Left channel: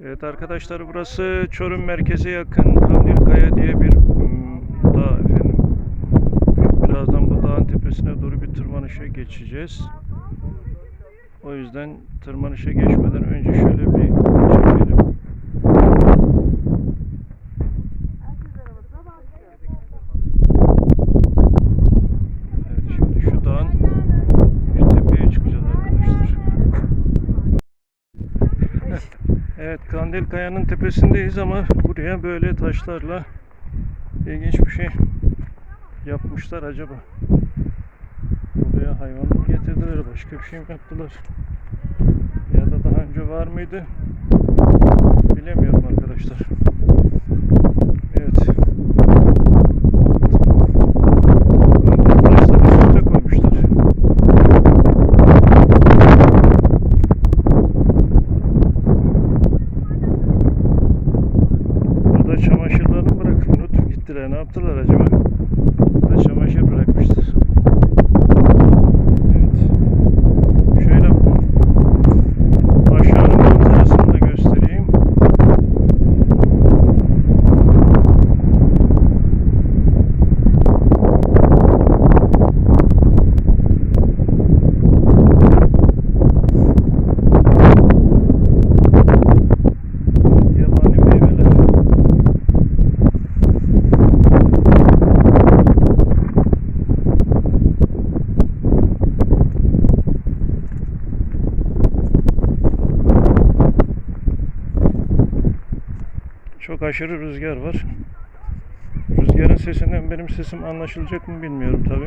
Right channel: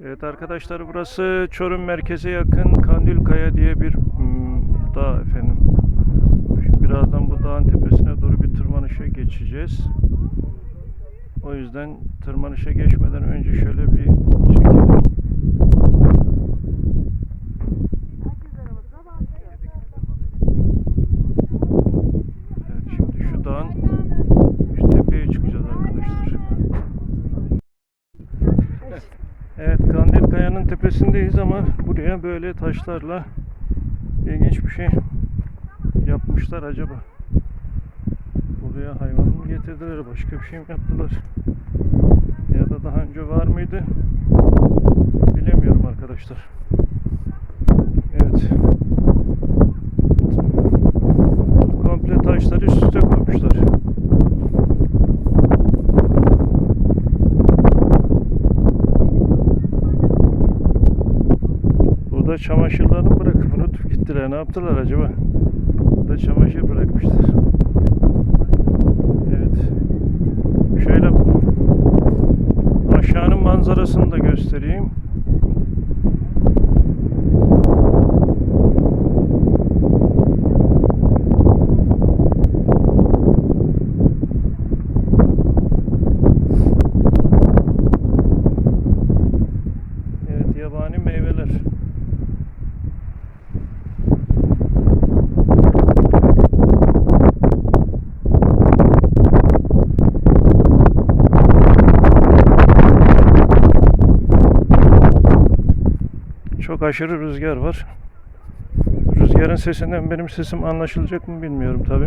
Evet arkadaşlar burası Çorum merkeze yakın Kandilkaya diye bir mm, dağ efendim. Birazdan bu dağın tepesine doğru bir tırmanışa geçeceğiz. O yüzden tırmanışa geçmeden önce şöyle bir çekelim. Evet Kandil Kaya'nın tepesindeyiz ama buraya böyle taşlarla ilginç bir şey yapmışlar acaba. Buraya hayvan mı getirdiler başka bir şey mi yaptılar? Ya da daha önce var mıydı? Bilemiyorum Çamaşırlarını bırakıp unut gittiler. Ne yaptılar acaba? Burada çamaşır bırakmışlar. Evet. Şöyle aşağının manzarasını da göstereyim. Evet, yabani meyveler. Çok aşırı rüzgar var. Rüzgarın sesinden benim sesim anlaşılacak mı bilmiyorum tabi.